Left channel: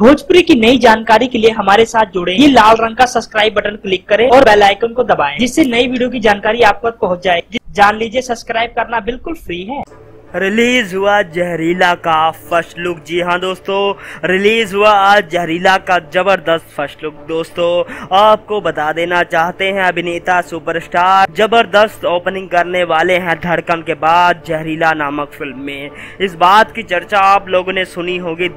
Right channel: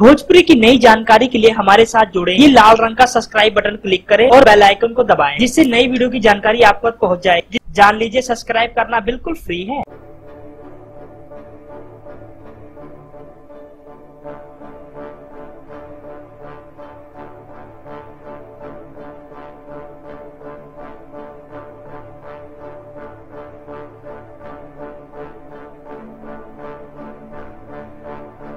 भोजपुरी की नई जानकारी के लिए हमारे साथ जुड़े। ये लाल रंग का सब्सक्राइब बटन क्लिक करें और बेल आइकन को दबाएं, जिससे नई वीडियो की जानकारी आप तक पहुंच जाए। जान लीजिए, सब्सक्राइब करना बिल्कुल फ्री है। रिलीज हुआ जहरीला का फर्स्ट लुक। जी हाँ दोस्तों, रिलीज हुआ आज जहरीला का जबरदस्त फर्स्ट लुक। दोस्तों आपको बता देना चाहते हैं, अभिनेता सुपरस्टार जबरदस्त ओपनिंग करने वाले हैं धड़कन के बाद जहरीला नामक फिल्म में। इस बात की चर्चा आप लोगों ने सुनी होगी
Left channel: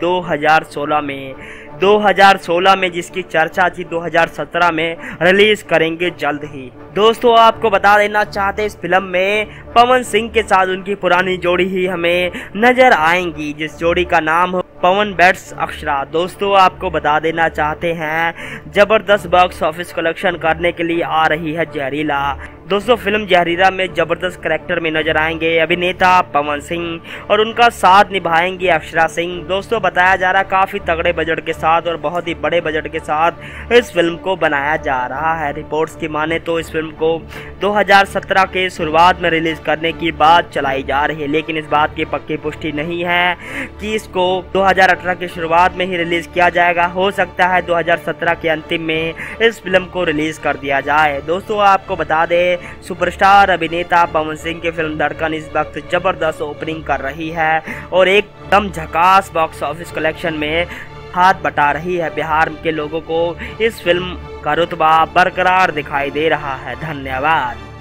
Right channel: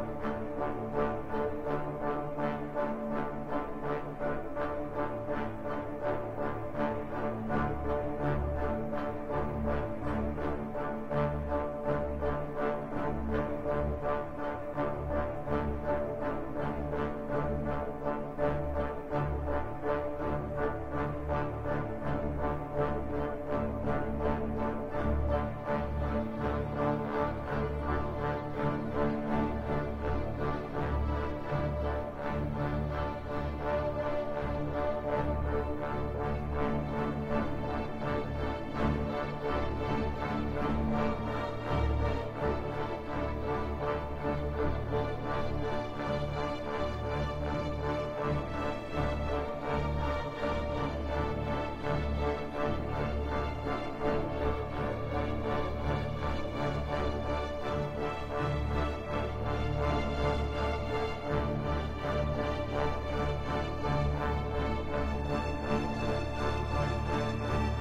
2016 में जिसकी चर्चा थी 2017 में रिलीज करेंगे जल्द ही। दोस्तों आपको बता देना चाहते इस फिल्म में पवन सिंह के साथ उनकी पुरानी जोड़ी ही हमें नजर आएंगी, जिस जोड़ी का नाम पवन बेट्स अक्षरा। दोस्तों आपको बता देना चाहते हैं जबरदस्त बॉक्स ऑफिस कलेक्शन करने के लिए आ रही है जहरीला। दोस्तों फिल्म जहरीला में जबरदस्त कैरेक्टर में नजर आएंगे अभिनेता पवन सिंह और उनका साथ निभाएंगे अक्षरा सिंह। दोस्तों बताया जा रहा काफी तगड़े बजट के साथ और बहुत ही बड़े बजट के साथ इस फिल्म को बनाया जा रहा है। रिपोर्ट्स की माने तो इस फिल्म को 2017 के शुरुआत में रिलीज करने की बात चलाई जा रही है, लेकिन इस बात की पक्की पुष्टि नहीं है कि इसको 2018 की शुरुआत में ही रिलीज किया जाएगा। हो सकता है 2017 के अंतिम में इस फिल्म को रिलीज कर दिया जाए। दोस्तों आपको बता दें सुपरस्टार अभिनेता पवन सिंह की फिल्म धड़कन इस वक्त जबरदस्त ओपनिंग कर रही है और एकदम झकास बॉक्स ऑफिस कलेक्शन में हाथ बटा रही है। बिहार के लोगों को इस फिल्म का रुतबा बरकरार दिखाई दे रहा है। धन्यवाद।